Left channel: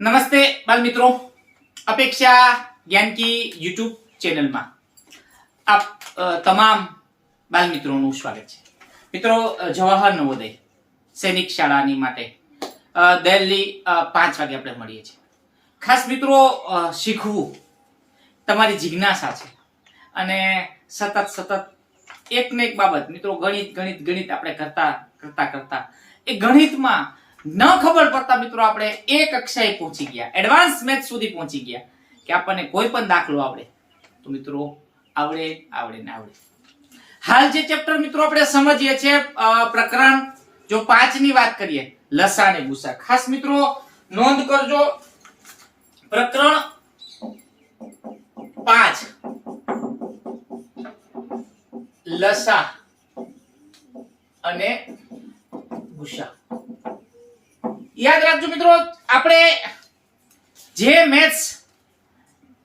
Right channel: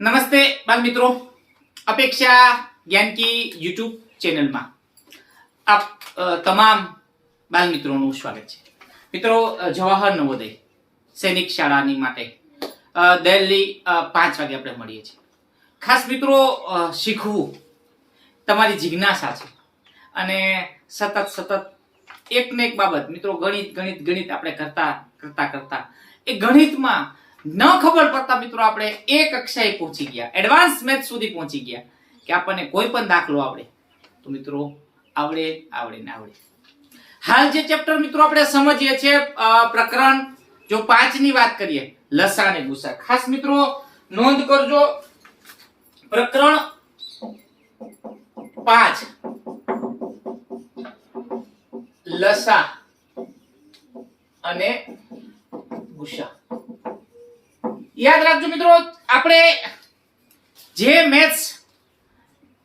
નમસ્તે બાલ મિત્રો, અપેક્ષા જ્ઞાન કી યુટ્યુબ ચેનલમાં આપ તમામ બાલ મિત્રોનું સ્વાગત છે। મિત્રો, જવાહર નવોદય સૈનિક શાળાની માટે દિલ્હી 5 વાગે આપણે મળીએ છીએ। ખાસ મિત્રો, શીખવું તમારી જિજ્ઞાસા છે અને સતત એક ને એક બાબત મિત્રો ગણિત આપણે કરતા એ ગણિતમાં ન ખબર પડતા મિત્રો આપણે એક કક્ષાએ પહોંચી ગયા, એડવાન્સ મેથ સુધી પહોંચી ગયા કે આપણને કોઈ પણ દાખલો આવડે તો મિત્રો આવડે। હાલ જે ચેપ્ટર મિત્રો આપણે સમજીએ છીએ પ્રકરણ જો 5 ની વાત કરીએ, લસા અને ગુસા। ખાસ મિત્રો નોંધ કરજો, પ્રકરણ 5 લસા અને ગુસા। યાદ રાખજો મિત્રો, આપણે જે મેથ્સ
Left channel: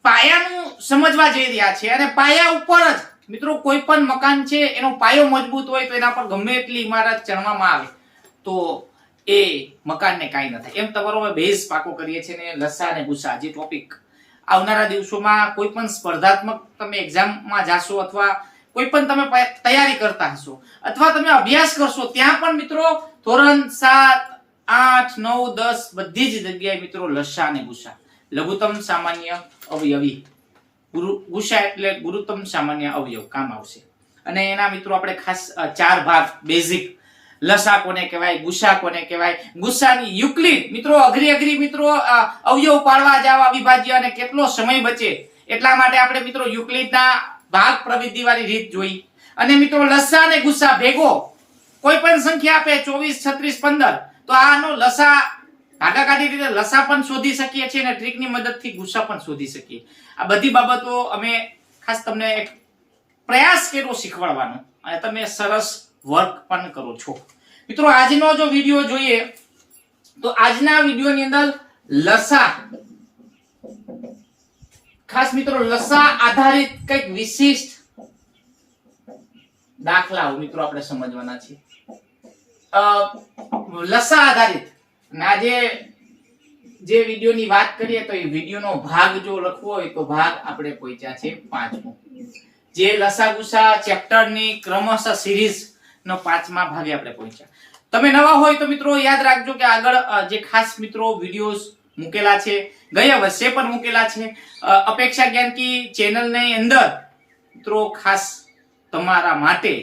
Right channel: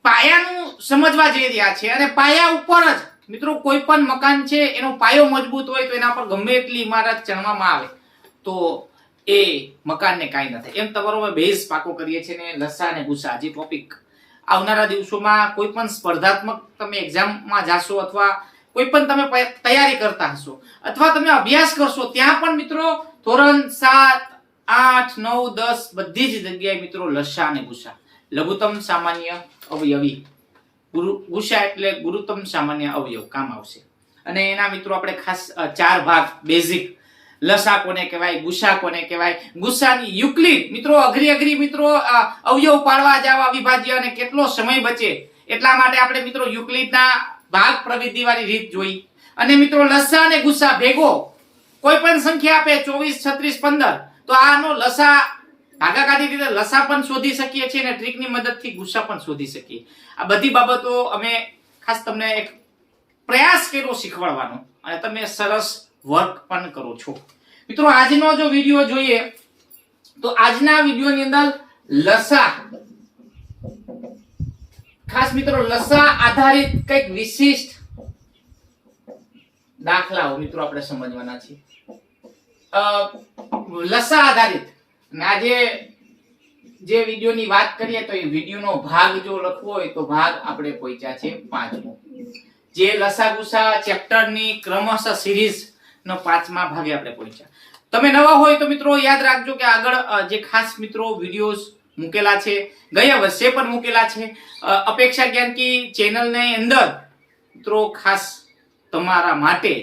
પાયાનું સમજવા જઈ રહ્યા છે અને પાયા ઉપર જ મિત્રો કોઈ પણ મકાન છે એનો પાયો મજબૂત હોય તો એના પર ગમે એટલી ઇમારત ચણવામાં આવે તો એ મકાનને કાંઈ ન થાય। એમ તમારો બેઝ પાકો કરીએ છીએ ને લસા અને ગુસા જે ટોપિક આવનારા દિવસોમાં કોઈ પણ સ્પર્ધાત્મક તમે એક્ઝામમાં જાશો અથવા કોઈ પણ તમે તૈયારી કરતા હશો અથવા તમે અભ્યાસ કરશો ત્યાં પણ મિત્રો ધોરણ 7, 8, 9, 10 બધી જ જગ્યાએ મિત્રો લસા અને ગુસા, લઘુત્તમ સામાન્ય અવયવી, ગુસા એટલે ગુરુત્તમ સામાન્ય અવયવ કામ આવશે। અને એના મિત્રો આપણે ખાસ 4 ભાગ બેઝિક, લસા કોને કહેવાય, ગુસા કોને કહેવાય, ગુસાની યુક્લિડ મિત્રો અઘરી મિત્રો અવયવ પાડવા જવા વિભાજ્ય અને કેટલો સમય બચે એટલા માટે આપણે મિત્રો યુક્લિડના ભાગ પ્રવિધિ વાળી રીત જોઈ। અને મિત્રો લસા અને ગુસા ભેગો કોઈ પણ સંખ્યા આપે 24, 36, 15 તો આનો લસા ભાગાકારની રીતે લસા પણ શોધી શકીએ છીએ અને ટ્રીકની મદદથી ગુસા પણ શોધી શકીએ। આ બધી બાબતો અમે ખાસ તમને એક પ્રયાસ કર્યો શીખવાડવાનો અને તમે સરસ વર્ક પણ કરો છો। મિત્રો આજનો જો વિડિયો જોઈએ તો આજના વિડિયોની અંદર લસા, ખાસ મિત્રો લસા આધારિત કંઈક વિશિષ્ટ દાખલાઓ મિત્રો આપણે સમજવાના છે। લસા આધારિત આજે જે વિડિયોની વાત કરીએ તો એ વિડિયોનો ભાગ જો લખવો હોય તો ભાગ આપણે પહોંચ્યા છે 5મો, જે લસા ગુસા ચેપ્ટરની ક્રમશઃ સિરીઝ નો 5મા ભાગે આપણે પહોંચ્યા। તમે નવા હોય તો મિત્રો યાદ રાખજો કે આગળ જે ખાસ મિત્રો વિડિયોઝ મૂકેલા છે, ગયા વર્ષે પણ મૂકેલા છે અપેક્ષા જ્ઞાન કી ચેનલની અંદર મિત્રો ખાસ તમારા માટે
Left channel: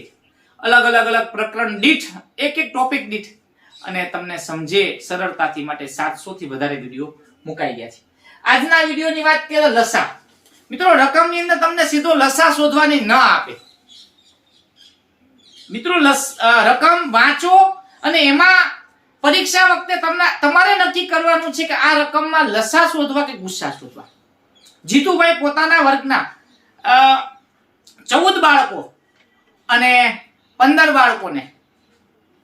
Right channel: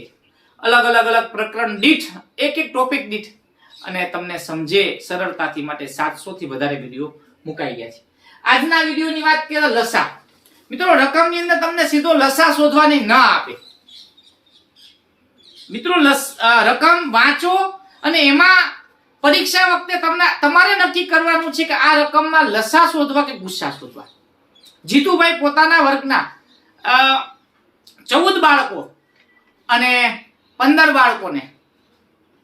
અલગ અલગ પ્રકરણ દીઠ એક ટોપિક દીઠ અને તમને સમજે સરળતાથી માટે 700 થી વધારે વિડિયો મુકાઈ ગયા છે। આજના વિડિયોની વાત કરીએ લસા, મિત્રો રકમની અંદર તમને સીધો લસા શોધવાની ન આપે મિત્રો, રકમ વાંચો અને એમાં પરીક્ષા વખતે તમારે નક્કી કરવાનું છે કે આ રકમમાં લસા શોધવા કે ગુસા શોધવા। જીતુભાઈ પોતાના વર્ગના 14 બાળકો અને 15 બાળકોને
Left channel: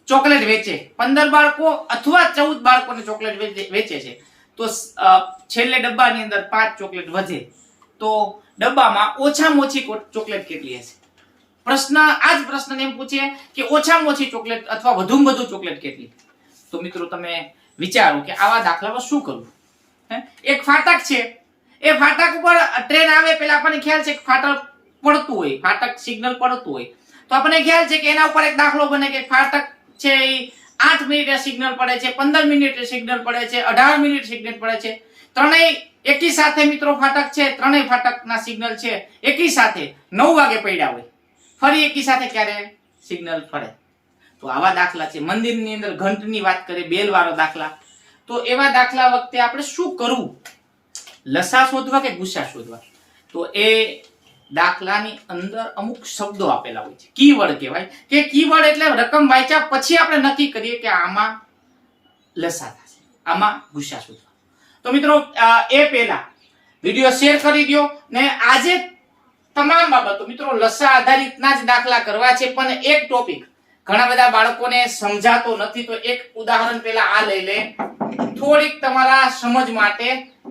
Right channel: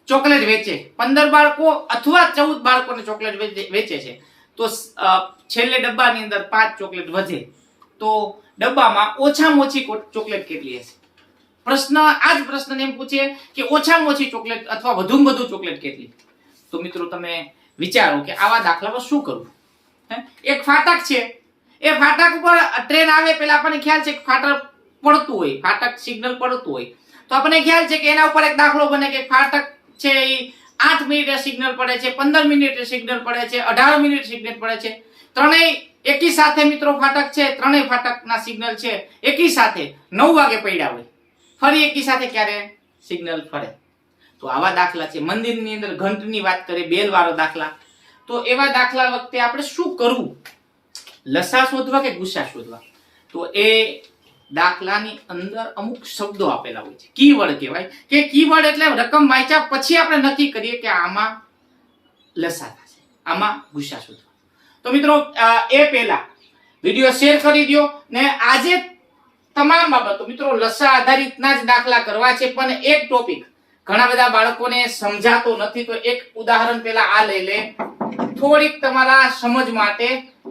ચોકલેટ વેચે, 15 બાળકો અથવા 14 બાળકોને ચોકલેટ વેચે છે તો છેલ્લે ડબ્બાની અંદર 5 ચોકલેટ વધે તો ડબ્બામાં ઓછામાં ઓછી ચોકલેટ કેટલી હશે? આ જ પ્રશ્ન એમ પૂછે કે ઓછામાં ઓછી ચોકલેટ અથવા વધુમાં વધુ ચોકલેટ કેટલી? તો મિત્રો તમે વિચારો કે આવા દાખલામાં શું કરવું? એક ફાટક છે, એ ફાટક ઉપર ટ્રેન આવે પેલા આપણને ખ્યાલ છે કે ફાટક પડતું હોય, ફાટક સિગ્નલ પડતું હોય તો આપણને ખ્યાલ છે કે એના ઉપર એક દાખલો બને કે ફાટક છે એ 8 મિનિટે સિગ્નલ પડે છે, 15 મિનિટે સિગ્નલ પડે છે, 18 મિનિટે સિગ્નલ પડે છે, ત્રણેય એકી સાથે મિત્રો ફાટક છે, ત્રણેય ફાટકના સિગ્નલ છે એકી સાથે 9 વાગે પડ્યા હોય, ફરી એકી સાથે ક્યારે સિગ્નલ ફરે? તો આવા દાખલા છે। મંદિરની અંદર ઘંટની વાત કરીએ, બેલ વાળો દાખલા, તો એવા દાખલા વખતે આપણે શું કરવું? લસા શોધવા કે ગુસા શોધવા? તો એ દાખલાની અંદર અમુક શબ્દો આપેલા હોય છે, કીવર્ડ કહેવાય કે કીવર્ડ એટલે રકમ વાંચ્યા પછી આપણે નક્કી કરીએ કે આમાં લસા થશે, આમાં ગુસા શોધવા। તો મિત્રો એ પહેલા વિડિયો શેર કરી દો ને આજે તમામ બાબતો મિત્રો લસા આધારિતના જ દાખલા કરવા છે પણ એક ટોપિક ઘણા બધા બાળકોને સમજાતો નથી તો એક ઉદાહરણ પહેલા આ લઈ લે, થોડીક તમારા સમજ માટે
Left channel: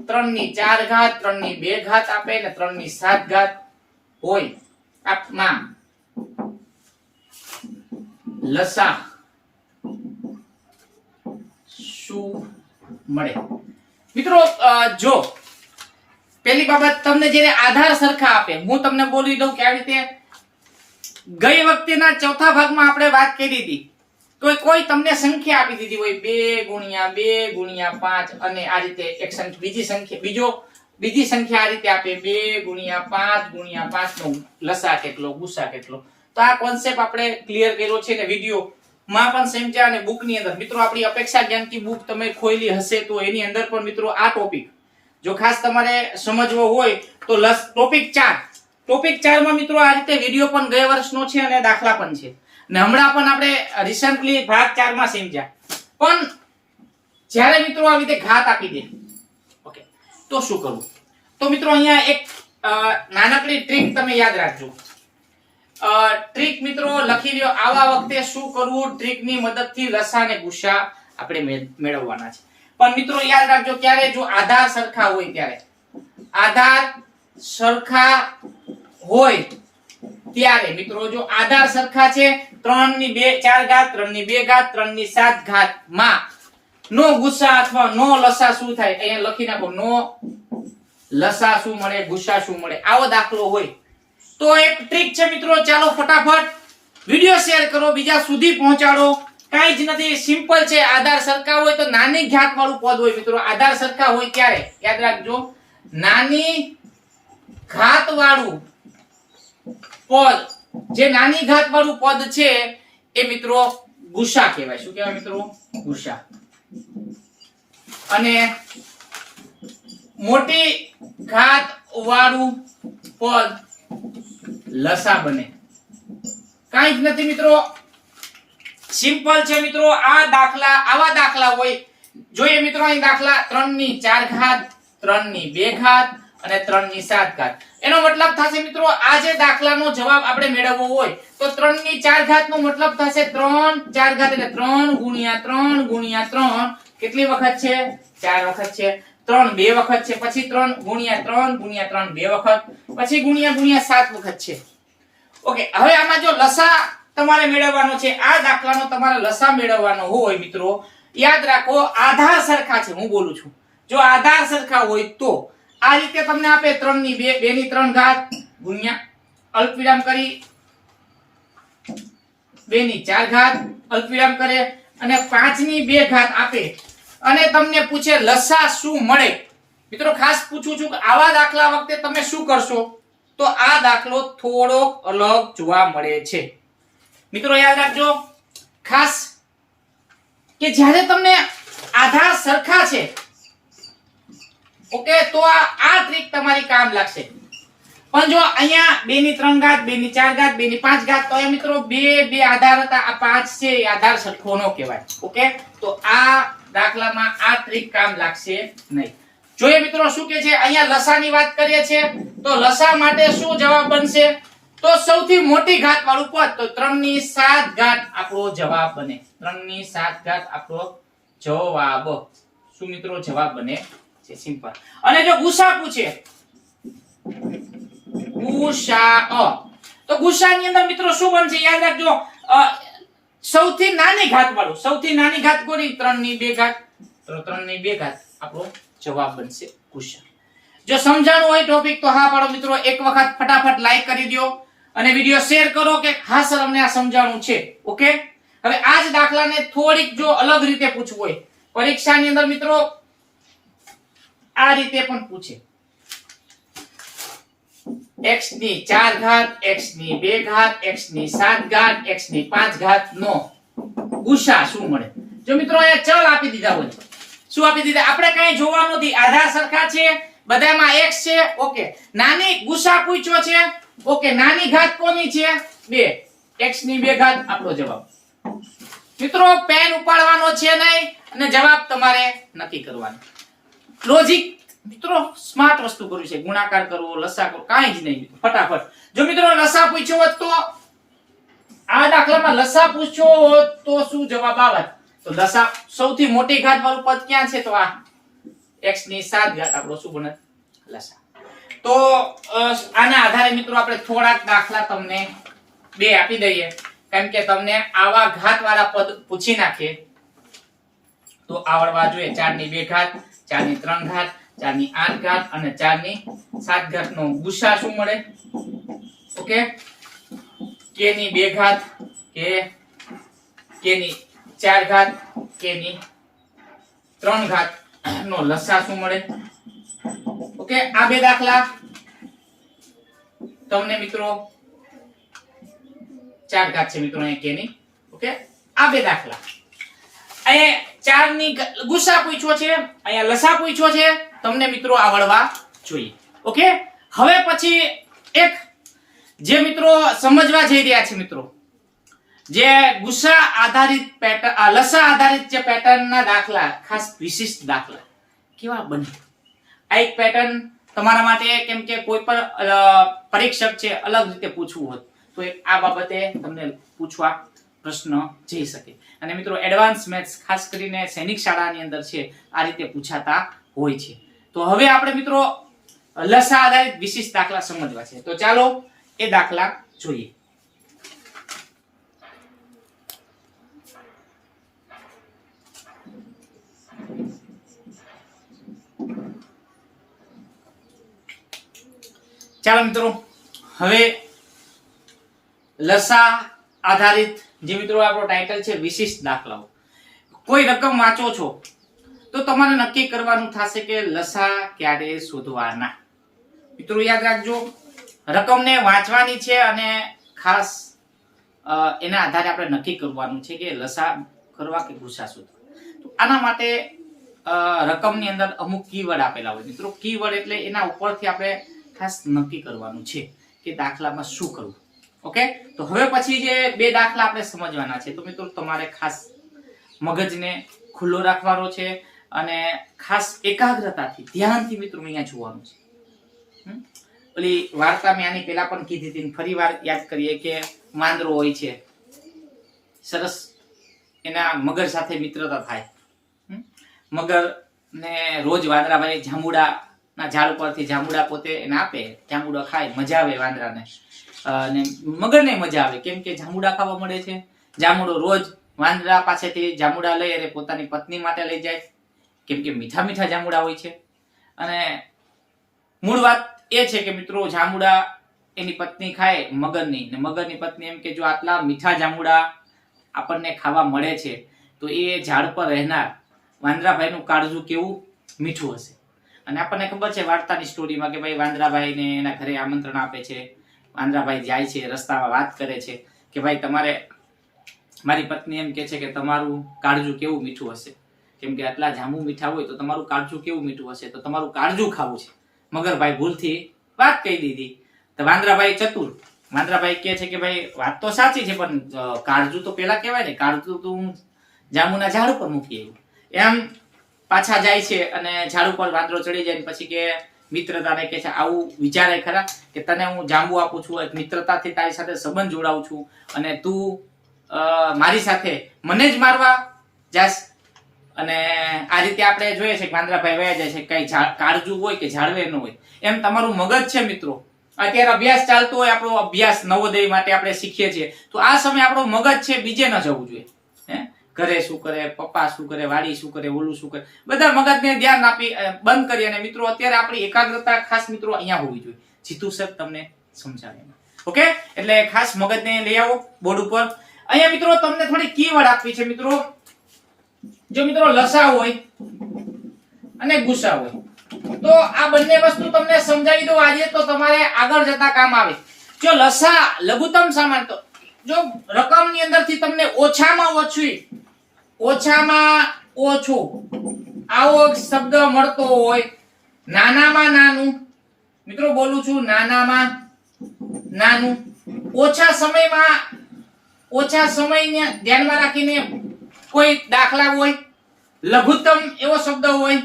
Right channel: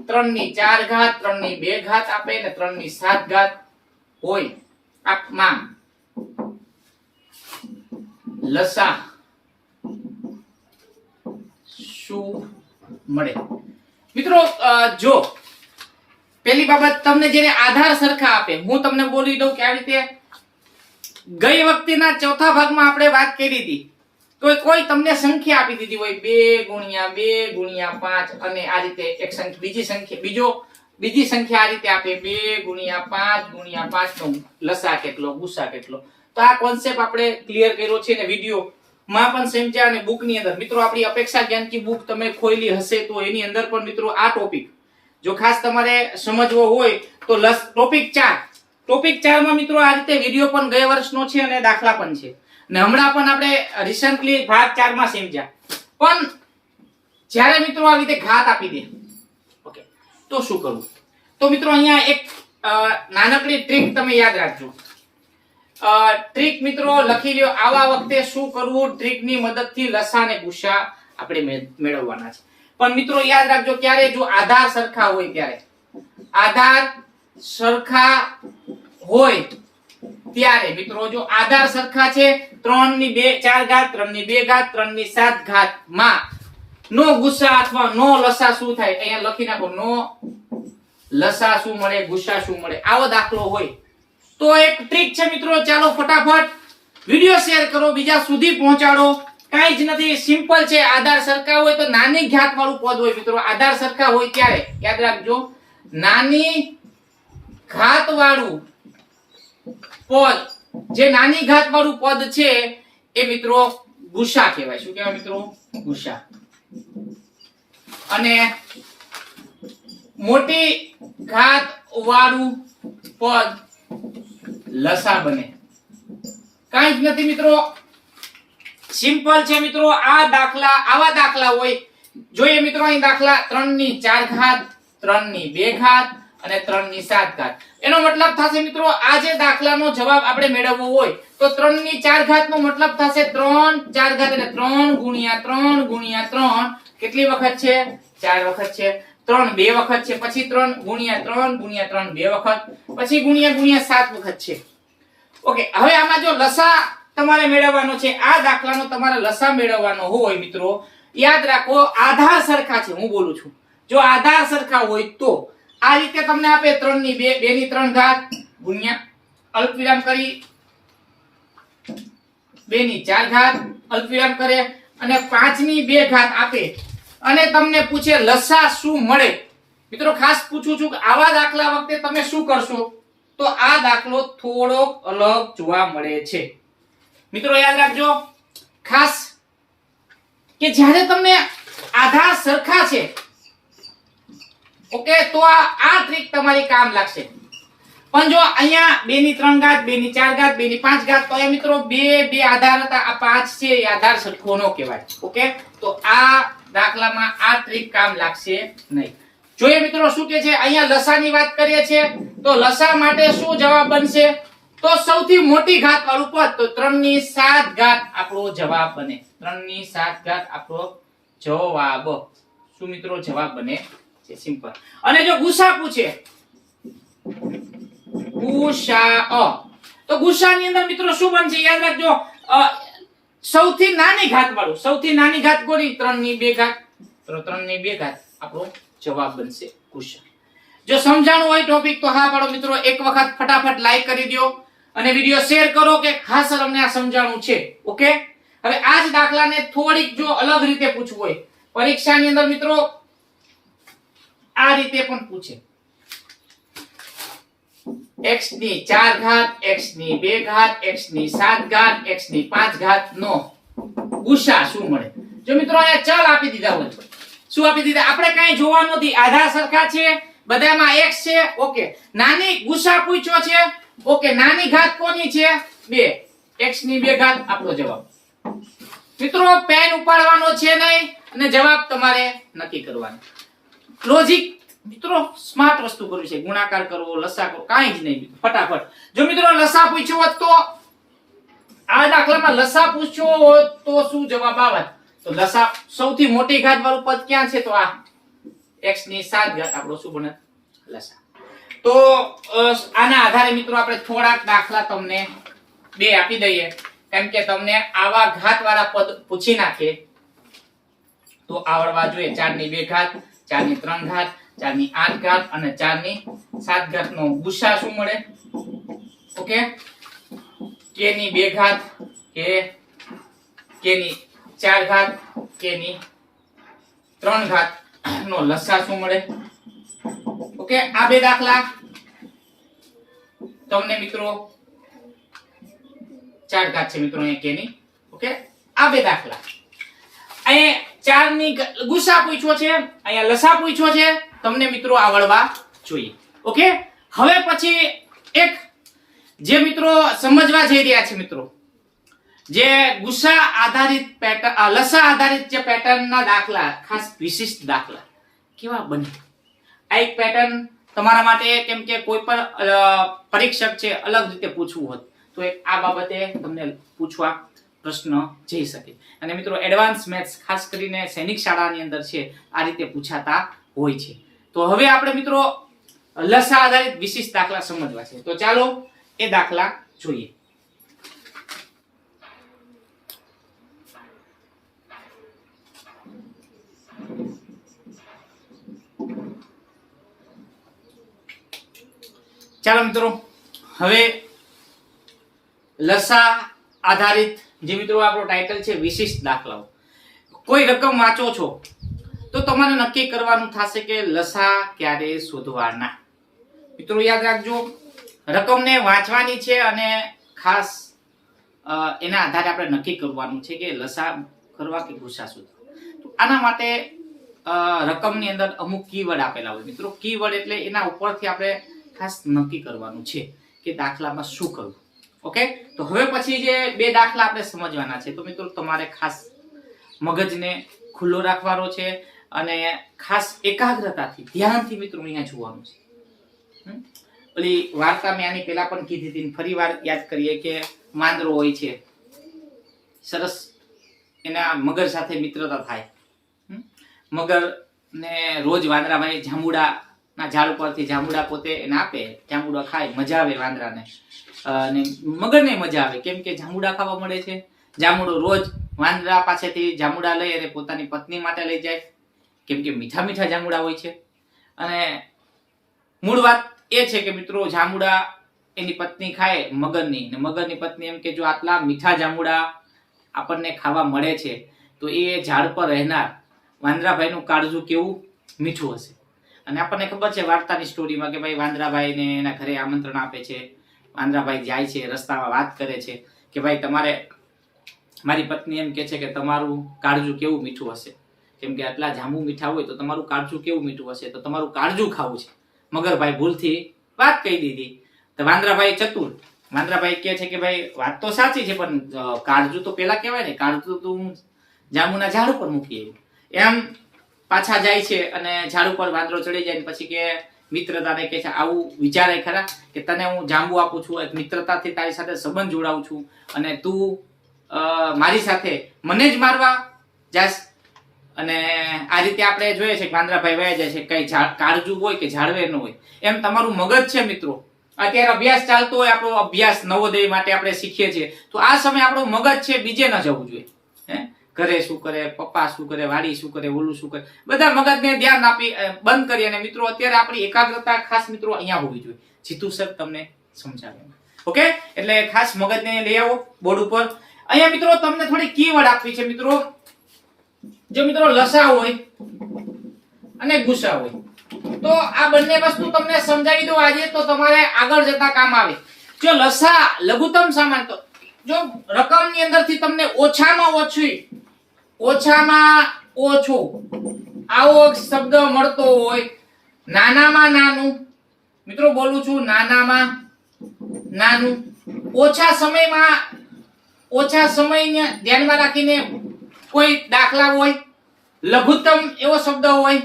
3 ની 4 ઘાત, 3 ની 2 ઘાત આપે ને 3 ની 7 ઘાત હોય આપમાં લસા શું મળે? મિત્રો જો પેલી બાબત, તમને જેને આધાર સરખા આપે, હું તમને બોલી દઉં કે આવી રીતે ગઈ વખતેના ચોથા ભાગમાં આપણે વાત કરી હતી, તો કોઈ તમને સંખ્યા આપી દીધી હોય 2 ગુણ્યા 2 ગુણ્યા 5 અને આ રીતે એક સંખ્યા બીજી સંખ્યા આ રીતે આપે 2 ગુણ્યા 5 ગુણ્યા 5 નો લસા કેટલો ગુસા કેટલો. તો આ કોન્સેપ્ટ આપણે ક્લિયર કર્યો છે ને વિડિયો માં પણ સમજ્યા અને બુક ની અંદર. મિત્રો આપણી અપેક્ષા જ્ઞાન કી બુક તમે ખોલી હશે તો એની અંદર પણ મિત્રો આ ટોપિક જો ખાસ તમારે સમજવો હોય તો ટોપિક 4 માં મિત્રો આ રીતે વિડિયો પણ ગયા વર્ષનો છે અને દાખલા પણ છે ને હમણાં પણ આપણે રિસેન્ટલી ભાગ 4 માં સમજ્યા. પણ જ્યારે મિત્રો આ રીતે ઘાત આપી દે ઓકે તો શું કરવું? તો મિત્રો અહીંયા એક નાનકડી ટ્રીક તમે યાદ રાખજો. ટ્રીક મિત્રો લખી લ્યો. આવા વખતે શું કરવું? ટ્રીક ની મદદથી લસા અને ગુસા આપણે મેળવવાના છે. પણ મિત્રો યાદ રાખજો, ક્યારે જો આધાર સરખા હોય ત્યારે, આધાર સરખા હોય ત્યારે મિત્રો જો આધાર સરખા છે 3 ની 4 ઘાત 3 ની 2 ઘાત 3 ની 7 ઘાત માં નો ગુસા અથવા નો લસા શું થાય? અહીંયા લખી નાખો, નો લસા શું મળે, ગુસા શું મળે. આવો દાખલો હોય તો એક ટ્રીક છે મિત્રો. ચાલો ફટાફટ વિડિયો શેર કરો, બીજા સુધી પહોંચાડો. કાઈ જ નથી, સિમ્પલ છે. આધાર સરખા હોય તો નાની ઘાત વાળું પદ હોય મિત્રો. આધાર સરખા હોય ત્યારે યાદ રાખજો, નાની ઘાત વાળું પદ, જે નાની ઘાત વાળું પદ છે એ મિત્રો ગુસા કહેવાય. શું કહેવાય મિત્રો? ગુસા. અને મોટી ઘાત વાળું પદ લસા બને. કાઈ જ નથી મિત્રો, સિમ્પલ છે મિત્રો. આવા દાખલા હોય જોઈએ મિત્રો. અહીં દાખલા 3 ની 4 ઘાત 3 ની 2 ઘાત અને 3 ની 7 ઘાત. એનો મતલબ થશે મિત્રો, આ જે દાખલાનો જવાબ આપણે મેળવવો હોય તો 3 ની 4 ઘાત નો મતલબ થશે 3 4 ઘાત એટલે 3 ગુણ્યા 3 ગુણ્યા 3 કેટલી વખત છે? 4 વખત છે. 3 2 વખત છે. પછી 3 ગુણ્યા 3 ગુણ્યા 3 2 વખત. પછી ગુણ્યા 7 વખત છે. ઓકે, હવે આમાં જો લસા તમારે મેળવવાનો છે, આ દાખલાનો તમારે લસા મેળવવાનો હોય મિત્રો, યાદ રાખો આધાર સરખા છે. હું બોલું છું, જો આધાર સરખા હોય તો આ રીતે તમને આપે 3 ની 2 2 ની 3 ઘાત ગુણ્યા અલ્પવિરામ કરી 2 ની 4 ઘાત અલ્પવિરામ કરે અને 5 ની 2 ઘાત આપે અને તમને પૂછે લસા શું મળે. મિત્રો ખાસ પૂછું છું કે આવા દાખલા વખતે તમે શું કરશો? તો આ દાખલો થોડો અલગ જોવા મળે છે. મિત્રો યાદ રાખજો ખાસ કે જ્યારે તમને આધાર સરખા છે ઓકે તો આ ટ્રીક તમારી કામ લાગશે. પણ જો અહીંયા 2 ની 3 ઘાત 2 ની 4 ઘાત 2 ની 5 ઘાત તો એ મિત્રો બે આધાર હતા. આ 5 છે એ આધાર સરખો નો કહેવાય. ઓકે, તો આ દાખલામાં આ ટ્રીક કામ લાગશે નહીં. જોઈએ મિત્રો શું કે છે. અહીંયા લસાની વાત કરીએ છીએ તો લસા માટે શું જવાબ બનશે? તો સૌથી મોટી ઘાત વાળું પદ, તો 3 ની 7 ઘાત આપણો જવાબ બને. 3 ની 7 ઘાત આપણો જવાબ શું મિત્રો? જવાબ બને છે. સિમ્પલ. અને જો ગુસા પૂછે, ગુસા, તો ગુસાની અંદર મિત્રો શું બનશે? યાદ રાખજો સૌથી નાની ઘાત વાળું. સૌથી નાની ઘાત કોની? 3 ની 2 ઘાત. તો 3 ની 2 ઘાત આપણો જવાબ બનશે ગુસા. જો સમજાણું હોય ટોપિક તો હા પાડો મિત્રો. એક વખત ફટાફટ લાઈક કરી દો અને વિડિયો શેર કરો કે હા સર અમને આ સમજાણું છે. ઓકે, હવે આ જ દાખલાને થોડીક જો અલગ રીતે પૂછવું હોય પરીક્ષાની અંદર મિત્રો, આ રીતે પણ પૂછે. x ની 4 ઘાત x ની 2 ઘાત x ની 7 ઘાત x ની 5 ઘાત નો ગુસા શું મળે? જો મિત્રો અહીંયા ચલ આપી દીધા હોય, શું આપી દીધા? આપણે કાંઈ જોવાનું નથી, આધાર સરખા છે, બધામાં x છે. ઓકે, નાની ગુસા પૂછ્યો છે. ઓકે, નાની ઘાત કોની છે? 2. x ની 2 ઘાત આપણો જવાબ. મિત્રો પેન ઉપાડવાનો છે નહીં અને જવાબ તમારે નક્કી કરવાનો. લોજિક મિત્રો સ્માર્ટ વસ્તુ કર્યું છે. ગુણાકાર કરવો, લસા કરવો, કાંઈ જ નહીં ફટાફટ. જો મિત્રો લસા પૂછ્યો હોત તો આ દાખલામાં લસા પૂછ્યો હોત તો શું જવાબ આવત? તો લસા સૌથી મોટી ઘાત વાળું પદ ક્યાં છે? તો આ x ની 7 ઘાત આપણો શું બને? લસા. તો આના આધારે મિત્રો આપણે થોડાક દાખલા તમને 2 આપી દઈએ, કેમ કે તમને આવા ઘાત વાળા પદ પૂછી નાખે તો આવડવા જોઈએ 4 ની 2 ઘાત, 4 ની 3 ઘાત, 4 ની 8 ઘાત અને 4 ની 7 ઘાત નો ગુસા શું મળે? ઓકે, k ની 2 ઘાત, k ની 4 ઘાત, k ની 3 ઘાત નો લસા શું મળે? ઓકે, આ બે દાખલા તમને મિત્રો 4 ઘાત છે મિત્રો અહીં k ની. ઓકે, આ બે દાખલા અહીંયા 4 ની ગુસા પૂછ્યો છે, અહીંયા લસા પૂછ્યો છે, તમને મિત્રો આવડવા જોઈએ. ઓકે, હવે પછી એક જે મિત્રો સમજવા જઈ રહ્યા છે મિત્રો, જે ગુસા આધારિત પેટર્ન, લસા આધારિત જે પેટર્નના દાખલા, ખાસ વિશિષ્ટ દાખલા કેવા બને. આ એક પેટર્ન તમારા માટે, કેમ કે કોઈ પણ પરીક્ષક છે અલગ રીતે પૂછવું હોત તો એક આ બાબતે તમને પૂછવા પ્રશ્ન જઈ શકે. અને મિત્રો એડવાન્સ મેથ્સ ખાસ કરીને સૈનિક શાળાની અંદર છે આ રીતે પૂછાતા હોય છે. તો હવે આપણે મિત્રો લસા આધારિત વિશિષ્ટ દાખલા સમજવા છે, તો ચાલો એ દાખલા જોઈએ. ચાલો મિત્રો, હવે લસા આધારિત જે મિત્રો આપણો ટાઇટલ છે વિશિષ્ટ દાખલાઓ. કોઈ રકમ વાંચો છો તો તમારે નક્કી કરવાનું થશે કે લસા ક્યારે શોધવાના. મિત્રો યાદ રાખજો, રકમને વાંચવાની છે અને ખાસ એના આધારે આપણે નક્કી કરવાનું છે કે લસા કરવા કે ગુસા શોધવા. તો આના માટે રકમની અંદર અમુક કીવર્ડ આપેલા હોય મિત્રો. કીવર્ડ એટલે એના ઉપરથી આપણે ખાસ નક્કી કરવાનું છે કે દાખલામાં શું કરવું. ઓકે, તો હવે પછી જે બે દાખલા આપણે સમજવાના છે, તો મિત્રો તમારે ખાસ મગજને ખુલ્લો રાખવાનો છે અને ખાસ એકાગ્રતાથી ધ્યાનથી મિત્રો અહીંયા જોવાનું છે. ઓલી વાર્તા મેં આની પહેલા પણ કીધી હતી, ફરી વાર યાદ કરીએ કે વાંદરો હોય છે, સરસ એના મગર સાથે મિત્રતા થાય. મગર ને રોજ વાંદરાભાઈ જાંબુડા ના ઝાડ પરથી જાંબુડા પોતે એને આપે, જાંબુડા ખાય, મજા આવે વાંદરાને અને મગરને મજા આવે, કેમ કે જાંબુડા ખાવા મળે છે. જાંબુડો રોજ વાંદરા પાસેથી જાંબુડા લઈ અને પોતાની પત્ની માટે લઈ જાય, કેમ કે મીઠા મીઠા જાંબુડા હોય છે. અને મૂળ વાત એ છે કે મિત્રો જાંબુડા એની પત્ની ખાય મગરની, ને મગરની પત્ની એમ કે જો આટલા મીઠા જાંબુડા આપણને ખાવા મળે છે તો એ ઝાડ પર રહેનાર વાંદરાભાઈનું કાળજું કેવું મીઠું હશે. અને આપણને ખબર છે વાર્તાની સ્ટોરીમાં કે ભાઈ વાંદરાભાઈને એના ઘરે આમંત્રણ આપે છે. વાંદરાભાઈ જાય છે, રસ્તામાં વાત કરે છે કે ભાઈ તમારે, મારી પત્ની એમ કે છે કે તમારું કાળજું કેવું મીઠું હશે, કેમ કે આટલા જાંબુ મીઠા હોય તો તમારું કાળજું કેવું મીઠું હશે, તો તમારું કાળજું ખાવું છે. મગરભાઈ ભૂલથી વાત કહી દીધી. તો વાંદરાભાઈ ચતુર, વાંદરાભાઈ કહે છે કે ભાઈ વાત તો સાચી છે પણ કાળજું તો પેલા કહેવાય ને, કાળજું તો હું જાંબુના ઝાડ ઉપર મૂકી આવ્યું. એમ પાછા જાય છે અને ઝાડ ઉપર વાંદરો ચડી જાય પછી કે મિત્રતાને કહે છે આવું વિચારે ખરા કે તને હું જાંબુ આપું છું, એક મિત્રતાથી તારી સાથે સંબંધ જોડાવું છું અને તું મારી સાથે મને જ મારવા જાસ. અને આ રીતે આપણે જોઈએ છે કે વાંદરાભાઈ વયા જાય છે, કઈ કાળજું હોય કે ઝાડવે ન હોય. એમ તમારું મગજ છે મિત્રો, અત્યારે અભ્યાસ ચાલતો હોય, આપણો અભ્યાસ નવોદય માટે આપણે શીખીએ છીએ, તો આ સમય આપણું મગજ છે બીજે ન જવું જોઈએ. ઘરે શું કરે, પપ્પા શું કરે, વાડી શું કરે, ઓલું શું કરે, બધા મગજને ધ્યાન આપી બંધ કરી. અને મિત્રો અત્યારે આપણી એકાગ્રતા ખાસ મિત્રો અહીંયા હોવી જોઈએ. જીતુ સર તમને સમજાવે. ઓકે, એટલે ખાસ મગજને લઈ આવો બોર્ડ ઉપર. અહીંયા મિત્રો તમને થોડી કીવર્ડ આપવી છે મિત્રો. જો મિત્રો લસા હોય અને ગુસા હોય તો આ બંને વસ્તુ તમને સમજાવી દો આજે, તો તમારે આગળ જતા કામ આવે. જો લસા લઘુત્તમ સામાન્ય, તો જો રકમની અંદરથી તમને ઓછામાં ઓછું આવો શબ્દ મળતો હોય, નાનામાં નાનું, મિત્રો બોલું છું નાનામાં નાનું, ઓછા સમયને ધ્યાનમાં રાખીને કોઈ દાખલા હોય, લઘુત્તમ એવો શબ્દ હોય,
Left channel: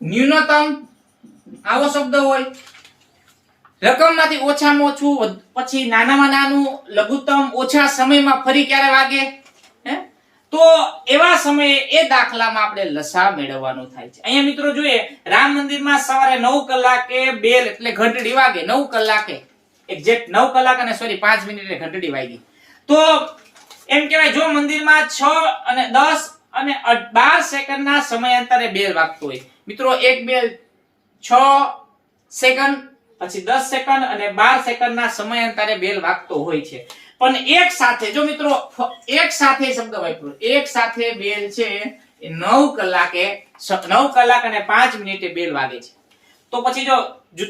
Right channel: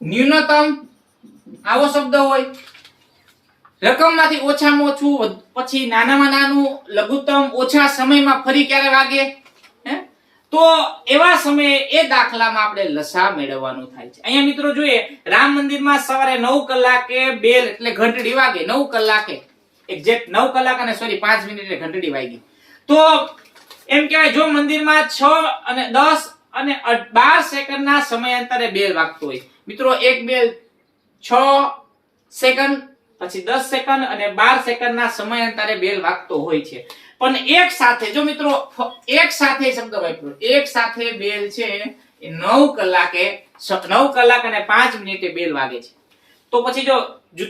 ન્યૂનતમ આવો શબ્દ હોય, રકમમાંથી ઓછામાં ઓછું, પછી નાનામાં નાનું, લઘુત્તમ, ઓછા સમયમાં ફરી ક્યારે વાગે, તો એવા સમયે એ દાખલામાં આપણે લસા મેળવવાનું થાય છે. અહીંયા મિત્રો જોઈએ રામ મંદિરમાં સવારે 9 કલાકે બેલ એટલે ઘંટડી વાગે, 9 કલાકે એક્ઝેક્ટ 9 કલાક અને 5 મિનિટે ઘંટડી વાગી. તો એમ કહેવાય જો મંદિરમાં 6 અને 10 અને 12 સેકન્ડના સમયાંતરે બેલ વાગતો હોય. મિત્રો એક બેલ 6 સેકન્ડ, પછી 10 સેકન્ડ અને 12 સેકન્ડના સમયાંતરે બેલ વાગતો હોય છે. પણ એક સાથે જો મિત્રો એક સાથે શબ્દ વાપરો, એક સાથે બેલ છે એ 9 કલાક અને 5 મિનિટે બેલ વાગે છે. તો પછી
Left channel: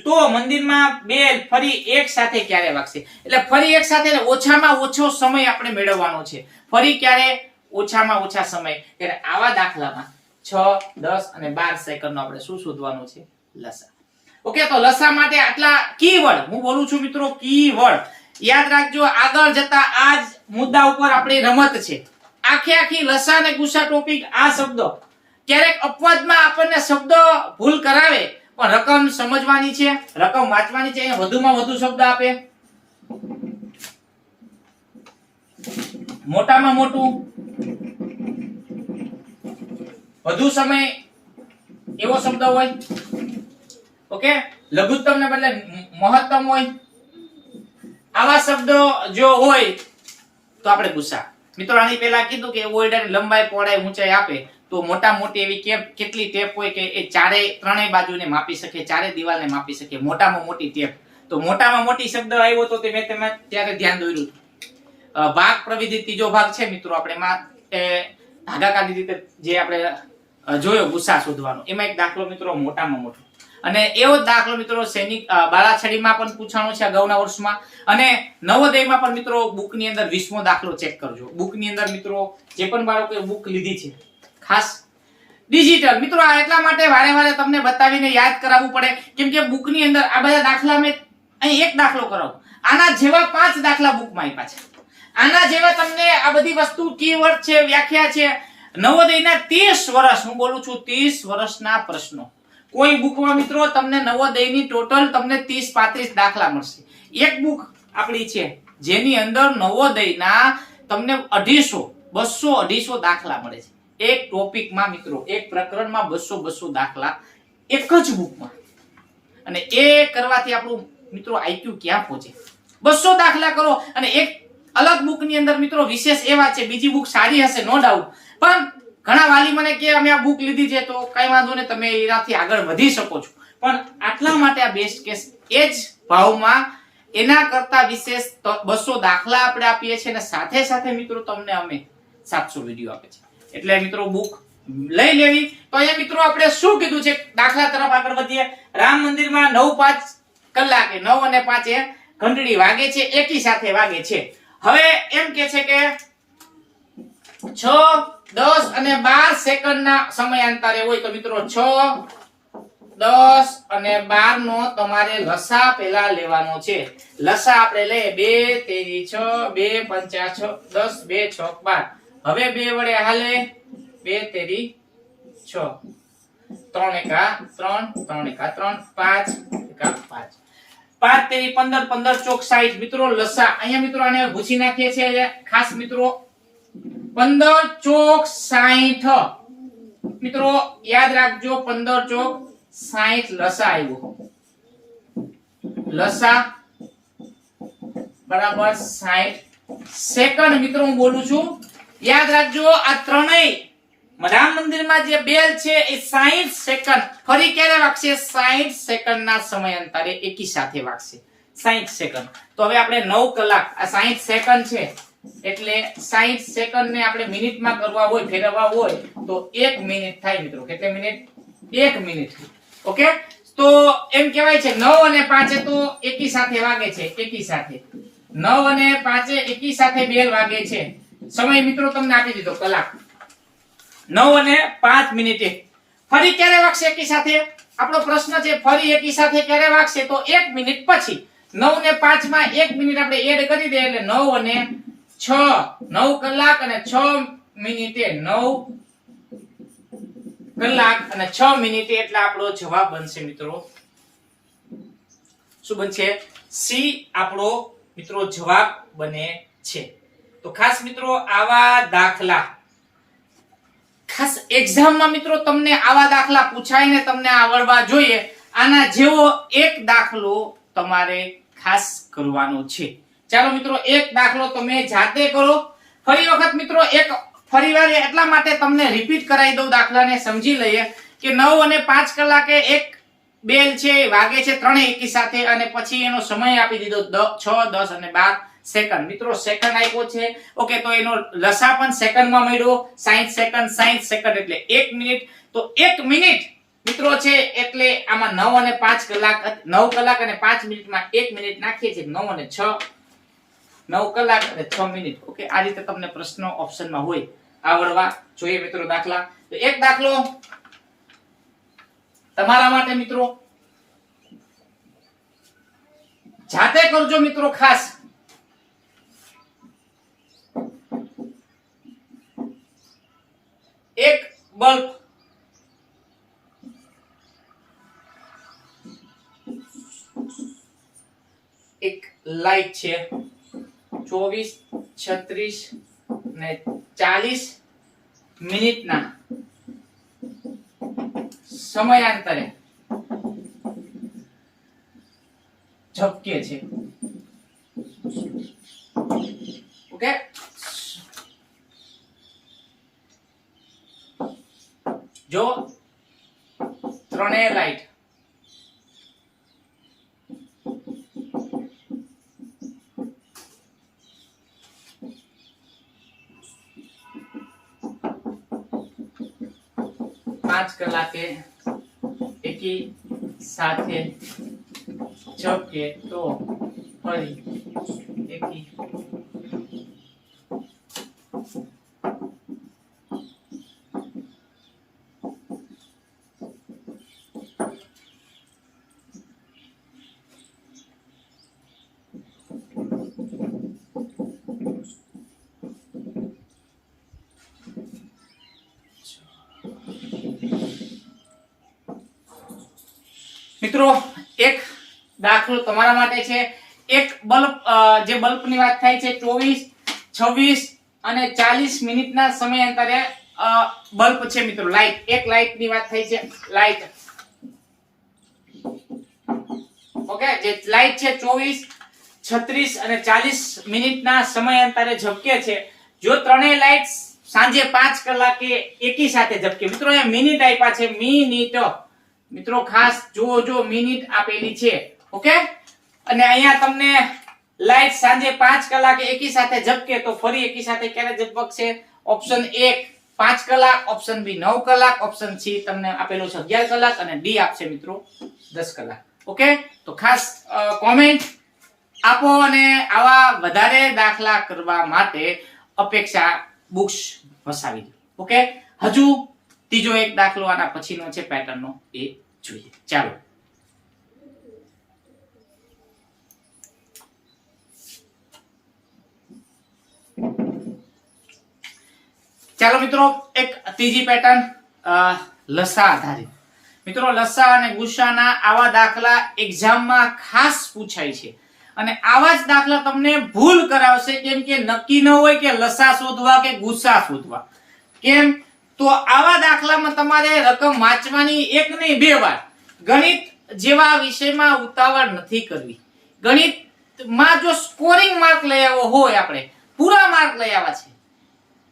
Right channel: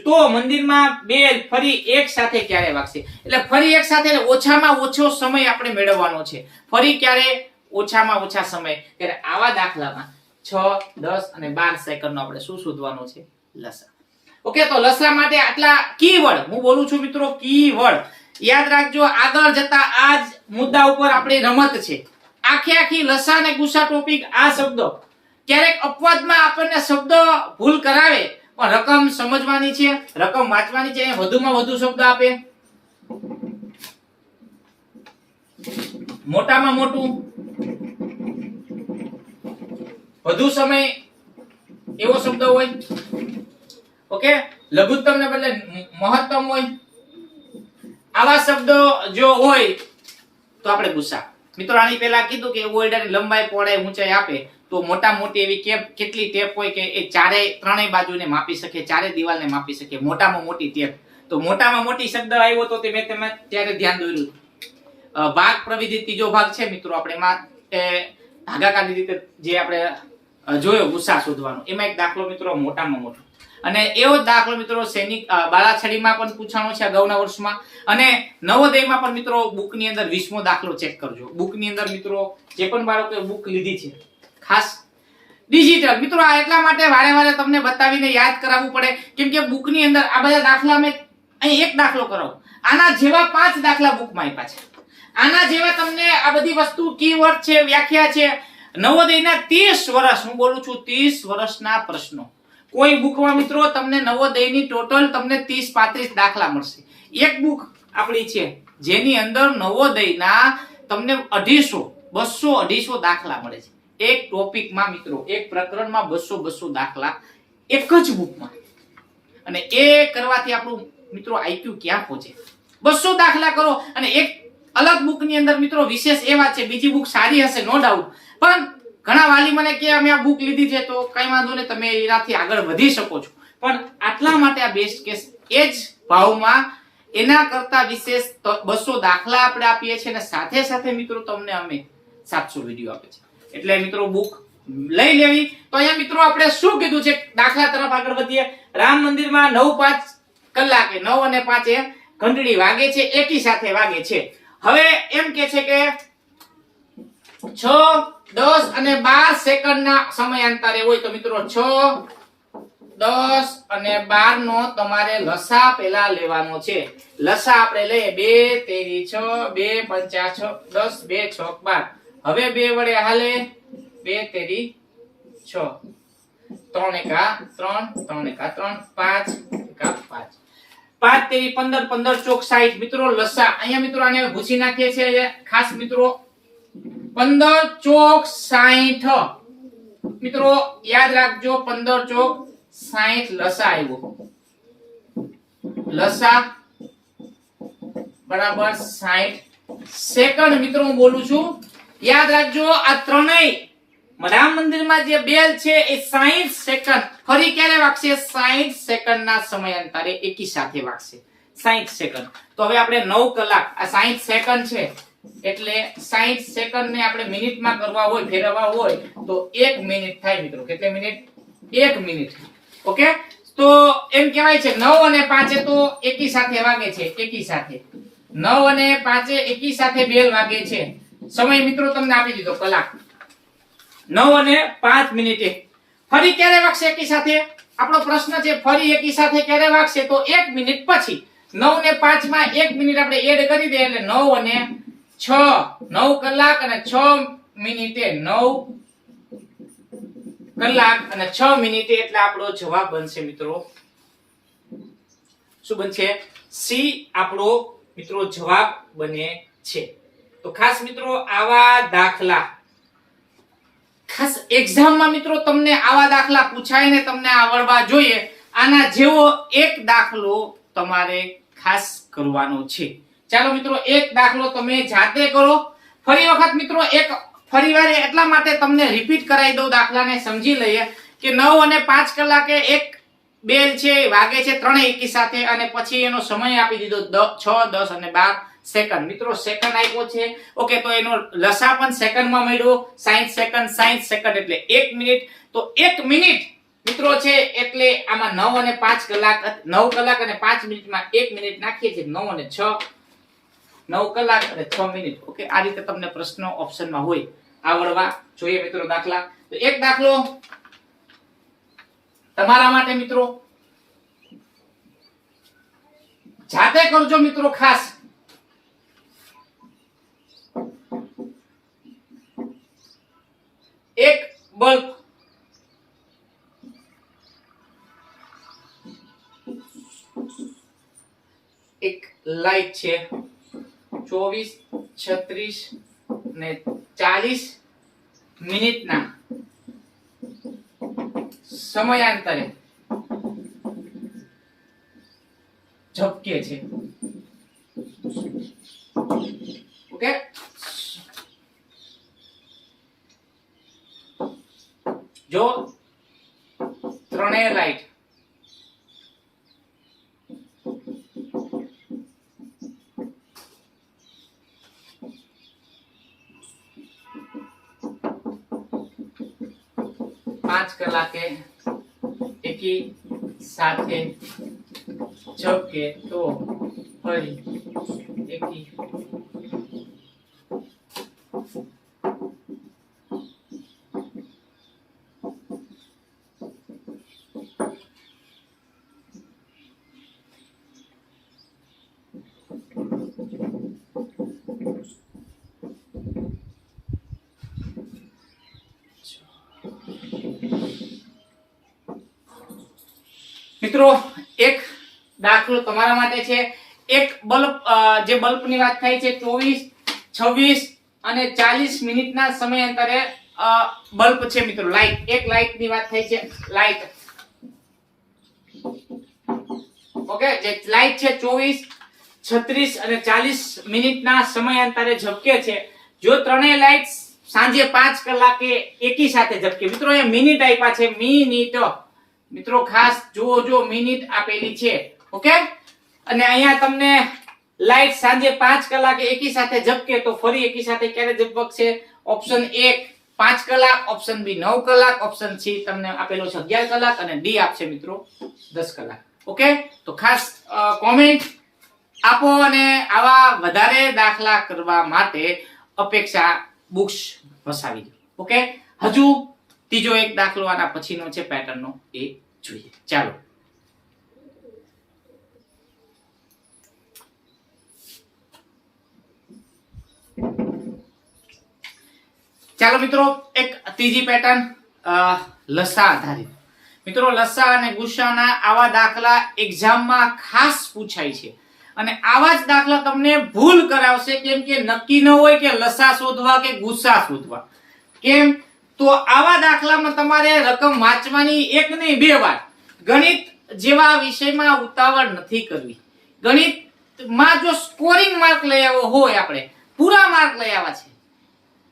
તો મંદિરમાં બેલ ફરી એક સાથે ક્યારે વાગશે? એટલે ફરી એક સાથે ઓછામાં ઓછો સમય આપણે મેળવવાનો છે. ફરી ક્યારે? ઓછામાં ઓછા સમય. ત્યારે આવા દાખલામાં 6, 10 અને 12 સેકન્ડનો આપણે શું શોધવાનું છે? લસા. ઓકે, તો લસા માટે આટલા કીવર્ડ હું બોલું છું મિત્રો, કીવર્ડ યાદ રાખજો. આગળ જતા આ જ મુદ્દા ઉપર આપણી રમત છે. આખી લસા અને ગુસા ટોપિક આ શબ્દો ક્યારેક અપવાદમાં આપણને શબ્દ ભૂલ કરાવે, પણ રકમ સમજવાની છે, રકમ વાંચવાની છે. વધુમાં વધુ શબ્દ આપે, મોટામાં મોટું, વધુ સમય એવો શબ્દ હોય. ઓકે, લઘુત્તમ ને બદલે મહત્તમ હોય. આવા શબ્દો જો હોય તો આપણે ગુસા. મિત્રો આની પહેલા કીધું કે ઓરડાની લંબાઈ, પહોળાઈ, ઊંચાઈ આપે તો મોટા મોટી એવી કેટલી ટેપ હોય કે એ ત્રણેય બાજુને માપી શકે, ચારે દિવાલને માપી શકે. મોટામાં મોટી ટેપ. તો મોટામાં મોટી શબ્દ આવ્યો તો તે મેં તમે ત્યારે ધ્યાન દોર્યું. ભાગ પ્રવિધિ ત્રીજો ભાગ છે મિત્રો, આપણે એમાં ભાગાકારની રીતે જે આપણે જોયો ગુસા શોધવાનો, એમાં એક દાખલો મિત્રો મોટામાં મોટો. અને એવો દાખલો મિત્રો સૈનિક બાળાછડીમાં પણ પૂછાણો છે અગાઉના વર્ષમાં, અને નવોદયમાં પણ મિત્રો બુકની અંદર 20મો દાખલો ચેક કરજો. બુકની અંદર મિત્રો જે પણ બાળકોએ બુક લીધી છે ખાસ ડિજિટલ મિત્રો, આ એટલા માટે વારે વારે તમને બતાવીને યાદ કરાવવું પડે, કેમ કે બુકની અંદર આ બધા દાખલા મેં અહીં એક દાખલો કરાવું, આના જેવા 5 દાખલા બુકમાં આપ્યા છે. આના જેવા તમને આ બધી વસ્તુ કીવર્ડ છે, વ્યાખ્યા છે. નવોદયના 30 વર્ષ, હું બોલું છું 30 વર્ષના પ્રશ્નો કોઈ બુકમાં મિત્રો તમને નવોદયની ટોટલ તમને 30-35 દાખલા મળશે. એક બુક આપણી છે જેની અંદર નવોદયના તમને 200-250 દાખલા મળે છે. એક ટોપિકમાં મિત્રો, એક પ્રકરણમાં 200 દાખલા એક જ બુકમાં. અને એ કરવાથી આપણું મિત્રો આઈક્યુ ક્યાં પહોંચે? 200 દાખલા કરો અને એક અલગ બુકની અંદર મિત્રો વિશેષ એ વાત છે, બીજી બુક સારી હશે નો ડાઉટ, પણ ઘણા વાલી મને કે અમે આ બુક લીધી છે તો કઈ વાંધો નહીં, તમે એનાથી આગળ વધી શકો છો. પણ આટલા માટે આ બેસ્ટ કેસ એ જ ભાવમાં એના કરતા વિશેષ 200 દાખલા આપણે આપીએ છીએ, અને સાથે સાથે મિત્રો તમને અમે 700 વિડીયો આપે છે. એટલે મિત્રો બુક લઈ લેવી. તો અહીંયા મિત્રો આપણે શું કીધું છે, દાખલા તરફ આગળ વધીએ. રામ મંદિરમાં 9:05 કલાકે 9 અને 5 ઘંટડી વાગે છે, એકી સાથે વાગે છે. હવે એમ કે છે કે 6, 10 અને 12 સેકન્ડના સમયાંતરે હોય તો મિત્રો 6, 10 અને 12 નો તમારે લસા પહેલા લેવાનો છે. લસા આપણે લઈએ 2 તેરી 6, 2 પંચા 6, 10, 2 6 12. હવે 2 વડે હાલે, 2 તેરી 6, 3 એકા 3, 3 એકા 3, 5 એકા 5, 5 તેરી 15, 15 ચોક 60. મિત્રો લસા અહીંયા મિત્રો આને ભૂસી નાખીએ છીએ ખાસ મિત્રો. 15 ચોક 60 મિત્રો યાદ રાખજો, 15 ચોક 60 લસા આવ્યો. લસા બરાબર 60 સેકન્ડ મિત્રો હું બોલું છું, યાદ રાખજો. આ ત્રણેય રામ મંદિરમાં જે બેલ છે એ 60 સેકન્ડ ફરી ક્યારે વાગશે? 60 સેકન્ડના સમયાંતરે એકી સાથે વાગશે. 60 સેકન્ડ. તો હવે આપણે 9 કલાક, આ 60 સેકન્ડ છે એટલે 60 સેકન્ડ ને આપણે મિનિટમાં કરવા હોય, ફેરવવા હોય તો 1 મિનિટ થાય મિત્રો. કેટલી મિનિટ? 1 મિનિટ. ઓકે, તો એમ કહેવાય છે 9 અને 5 તો એકી સાથે વાગે છે. એકી સાથે 9 અને 5 એકી સાથે બેલ વાગે છે. સમય મિત્રો તમને આપી દીધો કલાક. 9 અને 5 મિનિટે ફરી ક્યારે વાગશે એકી સાથે? આપણો પ્રશ્ન છે ફરી એકી સાથે ક્યારે વાગશે? તો 1 મિનિટ પછી. 9 ને 5 માં 1 મિનિટ આપણે એડ કરી દઈએ એટલે 9 અને 6, 9 કલાક અને 6 મિનિટે 9 કલાક અને 6 મિનિટે એટલે આપણો જવાબ બનશે મિત્રો. શું બનશે? સી આપણો મિત્રો જવાબ બને છે. તો ખાસ મિત્રો આવા દાખલા ખાસ એક્ઝામમાં મિત્રો તમને આવા દાખલા પૂછાય ને તમને આવડવા જોઈએ. આના જેવો એક દાખલો તમારે ખાસ કરવાનો છે. ચાલો મિત્રો એક દાખલો તમે જાતે કરો. ફરી વખત મિત્રો એક ફરીવાર એટલા માટે તમને રિપીટ કરાવી દઉં, દાખલાને સમજી લઈએ કે 9 અને 5 કલાકે એક બેલ છે વાગે છે ત્રણેય એકી સાથે, અને પછી એનો સમય આપી દીધો 6, 10 અને 12 સેકન્ડ. મિત્રો સેકન્ડ આપ્યો છે. ઓકે, તો એનો લસા પણ સેકન્ડમાં મળ્યો. 60 સેકન્ડ એટલે 1 મિનિટ. તો 1 મિનિટ મિત્રો છે એટલે આમાં 9 અને 5 કલાક, 9 કલાક અને 5 મિનિટમાં 1 મિનિટ નાખીએ છીએ. 9 અને 6, 9 કલાક અને 6 મિનિટ. ઓકે, આ રીતે તમને પ્રશ્નો ઓપ્શનમાં હોય આવડવા જોઈએ મિત્રો દાખલા. તો એક દાખલો તમારા માટે મિત્રો, જાતે કરજો મિત્રો ખાસ. એક બલ્બ એક લાઈટ છે 24, 36 ને 40 મિનિટના સમયાંતરે ઝબકે છે. ઓકે, જો ત્રણેય લાઈટ પાંચ કલાકે એકી સાથે ઝબકે તો ફરી એકી મિત્રો એક દાખલો તમારા માટે છે. એક બલ્બ, જે બલ્બની વાત થાય છે 24, 26 અને 40 મિનિટના સમયાંતરે બલ્બ છે મિત્રો. લાઈટ, એક લાઈટની વાત થઈ છે. લાઈટ, ઓકે, જે લાઈટ છે 24, 36 અને 40 મિનિટના સમયાંતરે ઝબકે છે. જો ત્રણેય લાઈટ સાંજે 5 કલાકે એકી સાથે ઝબકે. મિત્રો અહીંયા મિનિટ આપ્યા છે, મિનિટ. મિત્રો ખાસ જો મિનિટ આપેલી છે. ઓકે, અને અહીંયા તમને લાઈટ સાંજે 5 કલાકે એકી સાથે ઝબકે તો ફરી એકી સાથે ક્યારે ઝબકશે? ઓપ્શન 1 5 કલાક, ઓપ્શન બી 9 કલાક, ઓપ્શન સી તમને આપેલો છે 11 કલાક અને ડી આપશે મિત્રો 10 કલાક. ઓકે, તો ખાસ કોમેન્ટ આપો અને આવા વધારે દાખલા કરવા માટે અપેક્ષા બુક્સ વસાવી દો. ઓકે, હજુ ત્રીજો એક દાખલો આના પછીનો છે પેટર્નનો, એ જોઈએ. ચાલો મિત્રો, એક ત્રીજી પેટર્ન લસા આધારિત. મિત્રો લસા અને ગુસ્સાના આવા દાખલા એક્ઝામમાં ખાસ પૂછાય છે અને આવા જ દાખલા તમને ભૂલ કરાવશે, કેમ કે નક્કી ન હોય કે લસા શોધવા કે ગુસ્સા શોધવા. કેમ? તો આવા દાખલામાં તમારે રકમ વાંચવાની એક નહીં 2 વાર. ગણિત જેવા વિષયમાં ઉતાવળ નથી કરવી. ગણિતમાં જો સ્કોરિંગ માર્ક લઈ આવ્યો હોય, આપણે પૂરા માર્ક લઈ આવ્યા છે,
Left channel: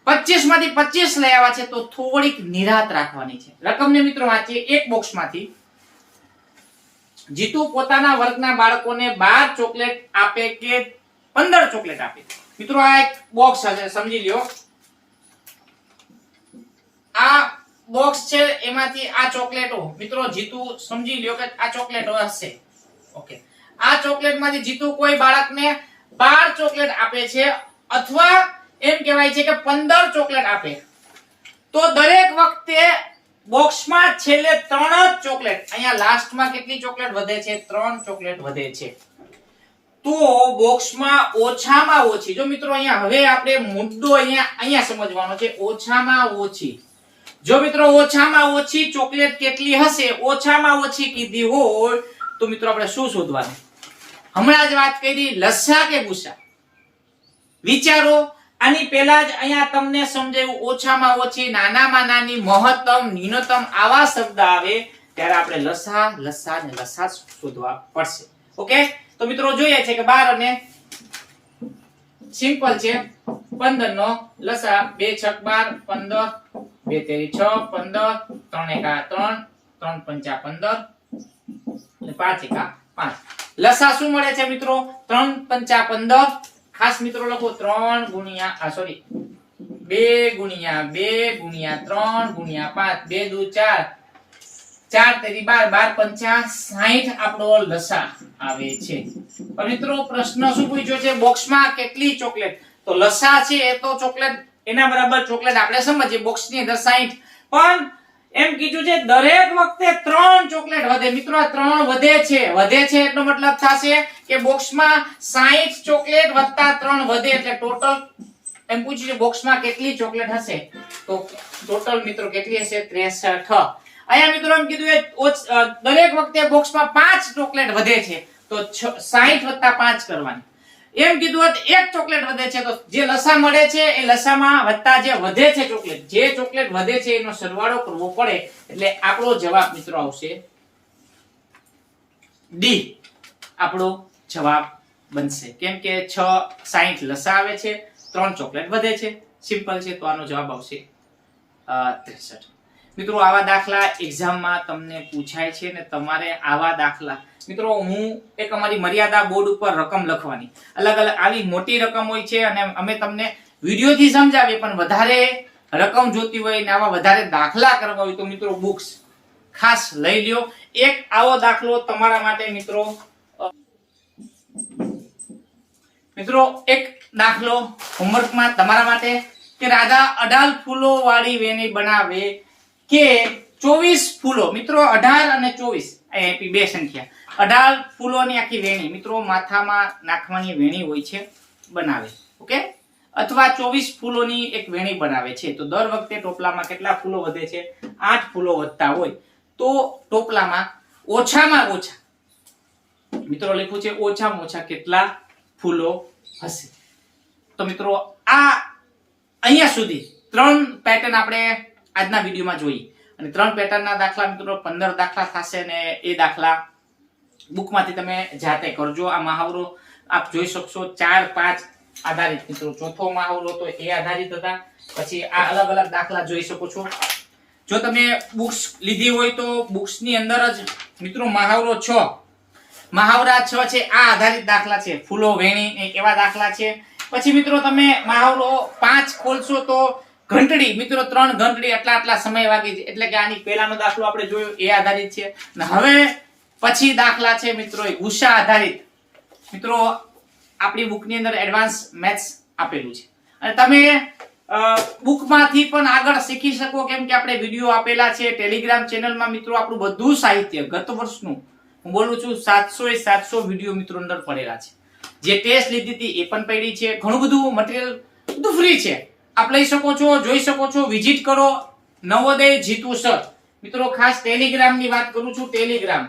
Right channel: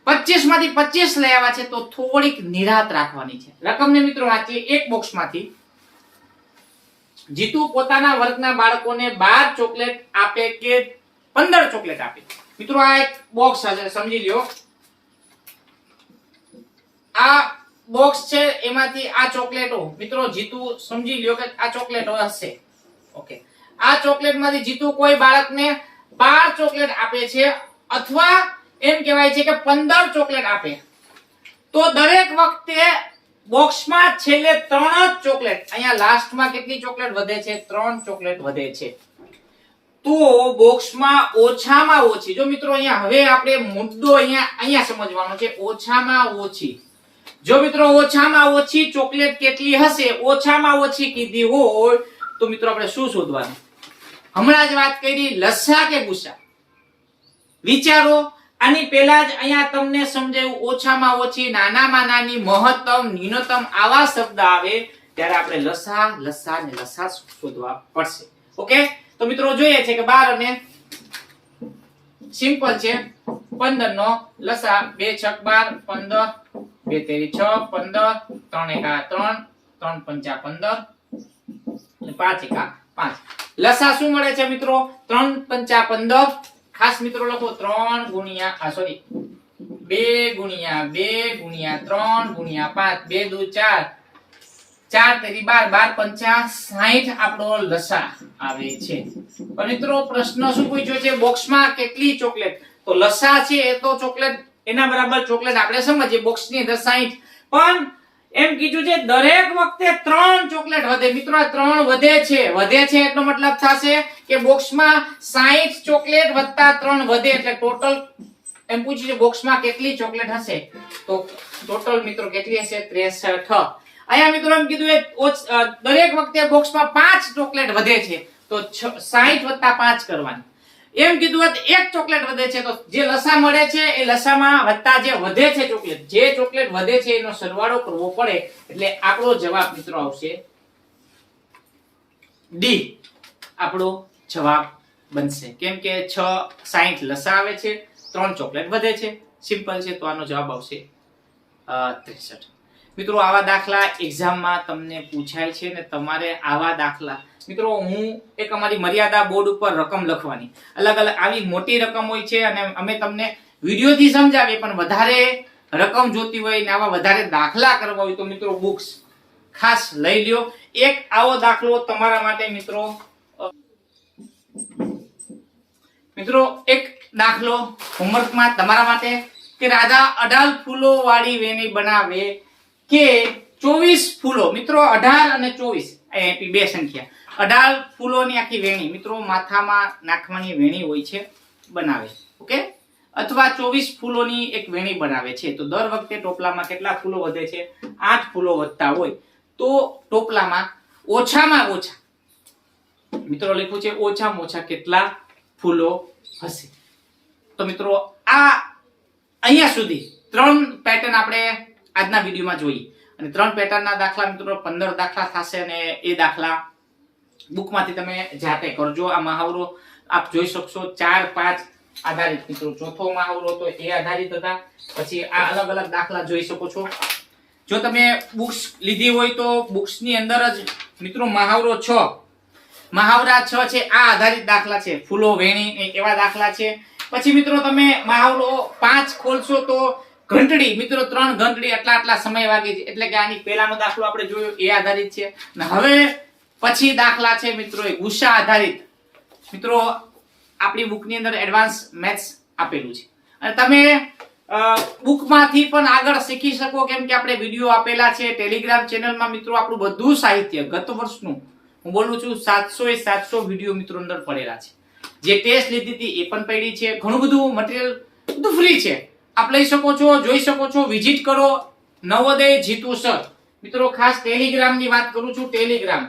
25 માંથી 25 લઈ આવ્યા છે, તો થોડીક નિરાત રાખવાની છે. રકમને મિત્રો વાંચીએ. એક બોક્સમાંથી જીતુ પોતાના વર્ગના બાળકોને 12 ચોકલેટ આપે કે 15 ચોકલેટ આપે. મિત્રો આ એક બોક્સ છે, સમજી લ્યો. આ બોક્સ છે, એમાંથી આ ચોકલેટો મિત્રો જીતુ સમજી લ્યો કે આ ચોકલેટો હશે. ઓકે, આ ચોકલેટમાંથી જીતુ કોઈ બાળકને 12 ચોકલેટ આપે છે અથવા એમ કહેવાય છે કે 15 ચોકલેટ આપે, તો દરેક વખતે બોક્સમાં છેલ્લે 3 જ ચોકલેટ, અહીંયા લાસ્ટમાં કેટલી ચોકલેટ વધે છે? 3 ચોકલેટ વધે છે. તો બોક્સમાં ઓછામાં ઓછી, જો મિત્રો અહીંયા હવે આપણે મુદ્દો અહીંયા સમજવાનો છે, ઓછામાં ઓછી. જો મિત્રો ઓછામાં ઓછી ચોકલેટ કેટલી હશે, ઓછામાં ઓછી કીધી હોય, તો મિત્રો આપણે શું શોધવાનું? હમણાં જ વાત કરી, લસા કે ગુસ્સા. વિચારો. આની પહેલા જ અહીંયા તમને સમજાયું, ઓછામાં ઓછી, નાનામાં નાની, મહત્તમ, ન્યૂનતમ આવા શબ્દ આવે ત્યારે આપણે લસા ને લસા શોધવા પડશે. ઓકે, તો મિત્રો જોઈએ છે કે 12 અને સિમ્પલ છે 15 નો લસા 2 છક 12 15 2 તેરી 6 15 3 એકા 3 3 પંચા 15 અને 5 એકા 5 લસા શું મળે છે મિત્રો 3 પંચા 15 ખાસ મિત્રો લખો 3 ગુણ્યા સોરી 2 ગુણ્યા 2 ગુણ્યા 3 ગુણ્યા 5 2 દુ 4 4 તેરી 12 12 પંચા 60 આપણો લસા આવે છે। પણ મિત્રો પ્રશ્ન શું પૂછ્યો છે બોક્સમાં કેટલી ચોકલેટ તો લસા છે એ તો ચોકલેટ એના બરાબર ચોકલેટ આપણે સમજીએ બોક્સની અંદર 60 પણ એમ કીધું છે દરેક વખતે 3 ચોકલેટ વધે મિત્રો આ 3 વધે છે એટલો મતલબ થશે કે બોક્સમાં 60 ચોકલેટ વત્તા 3 વધે એટલે ટોટલ એમ પૂછ્યું છે બોક્સમાં કેટલી ચોકલેટ હશે તો ટોટલ મિત્રો કેટલી હશે 63 અહીંયા મિત્રો એમ કીધું દરેક વખતે બોક્સમાં 5 ચોકલેટ વધે છે તો 60 વત્તા 5 કરવાની એમ કીધું એક ચોકલેટ વધે છે તો જે લસા મળે છે એ લસામાં વત્તા જે વધે છે ચોકલેટ વધે છે એનો સરવાળો કરવો પડે એટલે આપણો જવાબ મિત્રો આવશે ડી આપણો જવાબ બનશે કેમ કે 60 લસા આવે છે 3 ચોકલેટ વધે છે સિમ્પલ છે તો આનો જવાબ આવશે 63 મિત્રો આવા દાખલા એક્ઝામમાં તમને પૂછાય છે ને તમારે આવા દાખલા મિત્રો હું એક અમારી મર્યાદા બોર્ડ ઉપર રકમ લખવાની અલગ અલગ આવી મોટી રકમ હોય છે અને અમે તમને વિડિયોથી સમજાવીએ પણ વધારે રકમ જોતી હોય ને આવા વધારે દાખલા કરવા હોય તો મિત્રો બુક્સ ખાસ લઈ લ્યો એક આવો દાખલો તમારા માટે મિત્રો એક દાખલો હોમવર્કમાં તમારા માટે કે રાધા 18 ફૂલો વાળી વેણી બનાવે કે 24 ફૂલો મિત્રો 18 અને 24 અહીં બે સંખ્યા 18 ફૂલોની આખી વેણી મિત્રો માથામાં નાખવાની વેણી હોય છે બનાવે ઓકે અથવા 24 ફૂલોની એક વેણી બનાવે છે તો દર વખતે ટોપલામાં કેટલા ફૂલો વધે છે 8 ફૂલો વધતા હોય તો ટોપલામાં ઓછામાં ઓછા મિત્રો લખ્યું છે ઓછામાં ઓછા કેટલા ફૂલો હશે તો મિત્રો આ અહીંયા સુધી 3 પેટર્ન આપણે આજના વિડીયોમાં જોઈએ અને 3 પેટર્નના દાખલા મિત્રો 15 દાખલા થશે અને એ દાખલા બુકમાંથી તમે જાતે કરજો આ મહાવરો આપ જોઈ શકશો 4 5 આધારિત મિત્રો ચોથો મહાવરો તો એ આધારિત હતા પછી આ અલગ અલગ દાખલા જોઈ શકો છો જો તમે બુક્સ લીધી હોય તો બુક્સની અંદર જ મિત્રો મહાવરો 6 મહાવરા 6 છે આ આધારિત દાખલા છે ફૂલો વેણી એવા દાખલા છે પછી મિત્રો તમે મહાવરો 5 ખોલશો તો ઘંટડી મિત્રો 3 ઘંટડી આટલા સમય વાગી છે એટલે કે આની પહેલાનો દાખલો આપણે જોયો એ આધારિત છે અને હવે પછી દાખલા છે મિત્રો એ ગુસ્સા આધારિત મિત્રો આપણી બુકની અંદર એડવાન્સ મેથ્સ આપેલું છે અને તમે બુકમાંથી પણ આગળ શીખી શકો કેમ કે આપણે વિડિયો આપેલા છે ટેલિગ્રામ ચેનલમાં મિત્રો આપણું બધું સાહિત્ય ગત વર્ષનું હું બોલું છું 700 વિડિયો મિત્રો અંદર પડેલા છે જે ટેસ્ટ લીધી હતી એ પણ પડી છે ઘણું બધું મટીરીયલ બધું ફ્રી છે આપ લઈ શકો છો જોઈ શકો છો વિઝિટ કરો નવોદય જીતુ સર મિત્રો ખાસ ટેલિગ્રામ ની વાત કરું છું ટેલિગ્રામ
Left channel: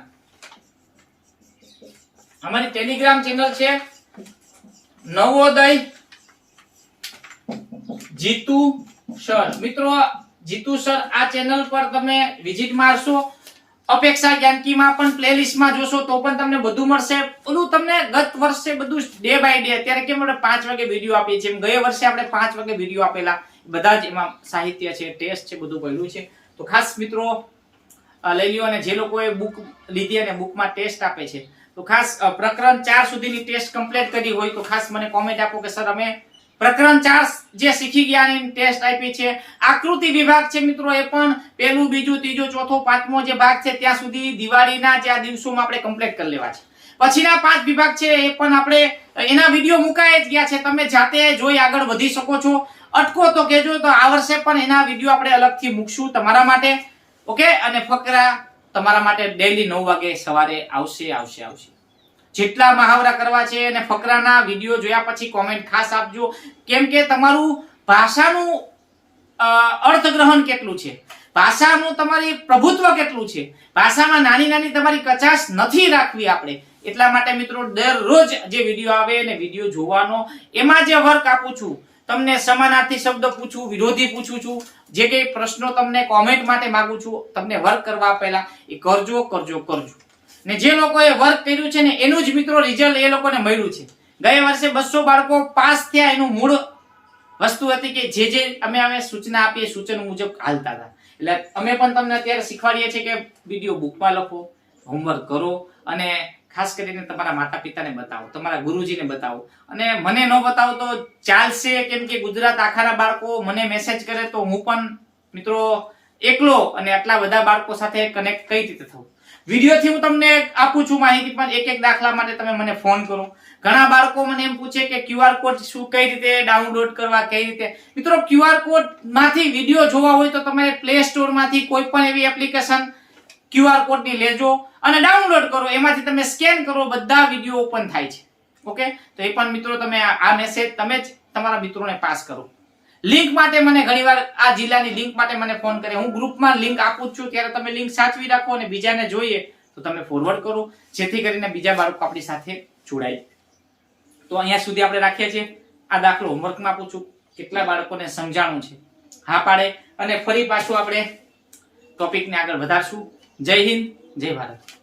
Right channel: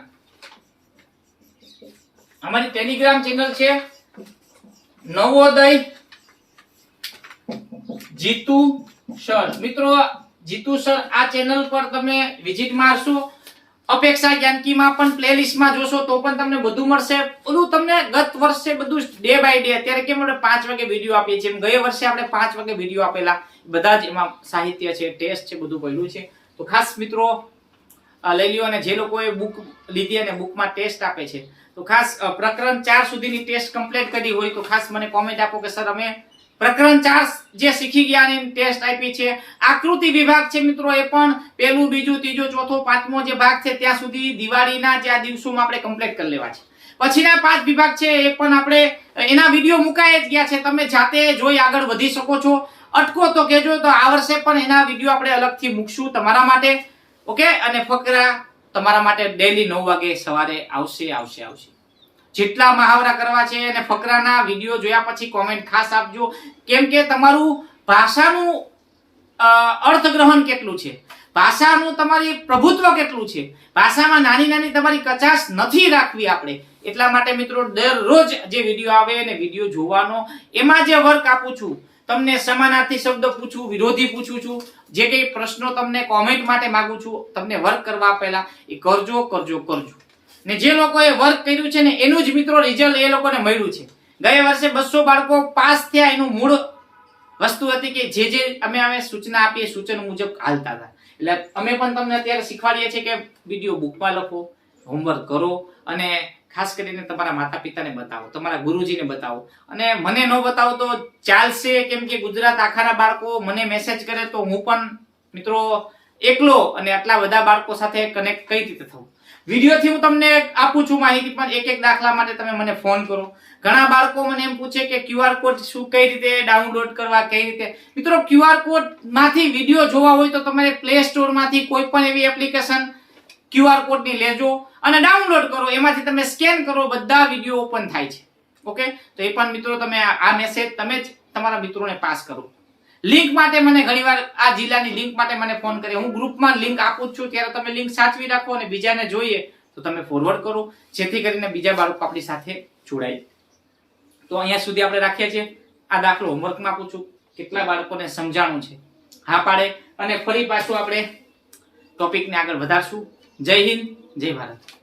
અમારી ટેલિગ્રામ ચેનલ છે નવોદય જીતુ સર મિત્રો જીતુ સર આ ચેનલ પર તમે વિઝિટ મારશો અપેક્ષા જ્ઞાનકીમાં પણ પ્લેલિસ્ટમાં જોશો તો પણ તમને બધું મળશે બધું તમને ગત વર્ષે બધું ડે બાય ડે અત્યારે કેમ આપણે 5 વાગે વિડિયો આપીએ છીએ એમ ગયા વર્ષે આપણે 5 વાગે વિડિયો આપેલા બધા જ એમાં સાહિત્ય છે ટેસ્ટ છે બધું પડ્યું છે તો ખાસ મિત્રો લઈ લ્યો અને જે લોકોએ બુક લીધી અને બુકમાં ટેસ્ટ આપે છે તો ખાસ પ્રકરણ 4 સુધીની ટેસ્ટ કમ્પ્લીટ કરી હોય તો ખાસ મને કોમેન્ટ આપો કે સર અમે પ્રકરણ 4 જે શીખી ગયા ની ટેસ્ટ આપી છે આકૃતિ વિભાગ છે મિત્રો એ પણ પહેલું બીજું ત્રીજો ચોથો પાંચમો જે ભાગ છે ત્યાં સુધી દિવાળીના જે આ દિવસોમાં આપણે કમ્પ્લીટ કરી લેવા છે પછીના 5 વિભાગ છે એ પણ આપણે એના વિડિયો મુકાઈ જ ગયા છે તમે જાતે જોઈ આગળ વધી શકો છો અટકો તો કહેજો તો આ વર્ષે પણ એના વિડિયો આપણે અલગથી મૂકશું તમારા માટે ઓકે અને ફકરા તમારા માટે ડેઈલી 9 વાગે સવારે આવશે જેટલા મહાવરા કરવા છે અને ફકરાના વિડિયો જોયા પછી કોમેન્ટ ખાસ આપજો કેમ કે તમારું ભાષાનું અર્થગ્રહણ કેટલું છે ભાષાનું તમારી પ્રભુત્વ કેટલું છે ભાષામાં નાની તમારી કચાશ નથી રાખવી આપણે એટલા માટે મિત્રો દરરોજ જે વિડિયો આવે અને વિડિયો જોવાનો એમાં જે વર્ક આપું છું તમને સમાનાર્થી શબ્દ પૂછું વિરોધી પૂછું છું જે કઈ પ્રશ્નો તમને કોમેન્ટ માટે માંગુ છું તમને વર્ક કરવા પહેલા એ કરજો ને જે લોકોએ વર્ક કર્યું છે ને એનું જ મિત્રો રિઝલ્ટ એ લોકોને મળ્યું છે ગયા વર્ષે 200 બાળકો પાસ થયા. એનું મૂળ વસ્તુ હતી કે જે અમે સૂચના આપીએ સૂચનો મુજબ હાલતા હતા. એટલે અમે પણ તમને અત્યારે શીખવાડીએ છીએ કે વિડીયો બુકમાં લખો, હોમવર્ક કરો અને ખાસ કરીને તમારા માતા પિતાને બતાવો, તમારા ગુરુજીને બતાવો. અને મને ન બતાવો તો ચાલશે, કેમ કે ગુજરાત આખાના બાળકો મને મેસેજ કરે તો હું પણ મિત્રો એકલો અને આટલા બધા બાળકો સાથે કનેક્ટ કઈ રીતે થવું. વિડીયોથી હું તમને આપું છું માહિતી, પણ એક દાખલા માટે તમે મને ફોન કરો. ઘણા બાળકો મને એમ પૂછે કે QR કોડ શું, કઈ રીતે ડાઉનલોડ કરવા, કઈ રીતે. મિત્રો QR કોડ માંથી વિડીયો જોવા હોય તો તમારે પ્લે સ્ટોર માંથી કોઈ પણ એવી એપ્લિકેશન QR કોડ ની લેજો અને ડાઉનલોડ કરો. એમાંથી તમે સ્કેન કરો, બધા વિડીયો ઓપન થાય છે. ઓકે, તો એ પણ મિત્રો તમે આ મેસેજ તમે જ તમારા મિત્રોને પાસ કરો. લિંક માટે મને ઘણીવાર આ જિલ્લાની લિંક માટે મને ફોન કરે. હું ગ્રુપમાં લિંક આપું છું, ત્યારે તમે લિંક સાચવી રાખો અને બીજાને જોઈએ તો તમે ફોરવર્ડ કરો, જેથી કરીને બીજા બાળકો આપણી સાથે જોડાય. તો અહીંયા સુધી આપણે રાખીએ છીએ. આ દાખલો હોમવર્કમાં આપું છું. કેટલા બાળકોને સમજાણું છે? હા પાડે. અને ફરી પાછું આપણે ટોપિકને આગળ વધારશું. જય હિન્દ, જય ભારત.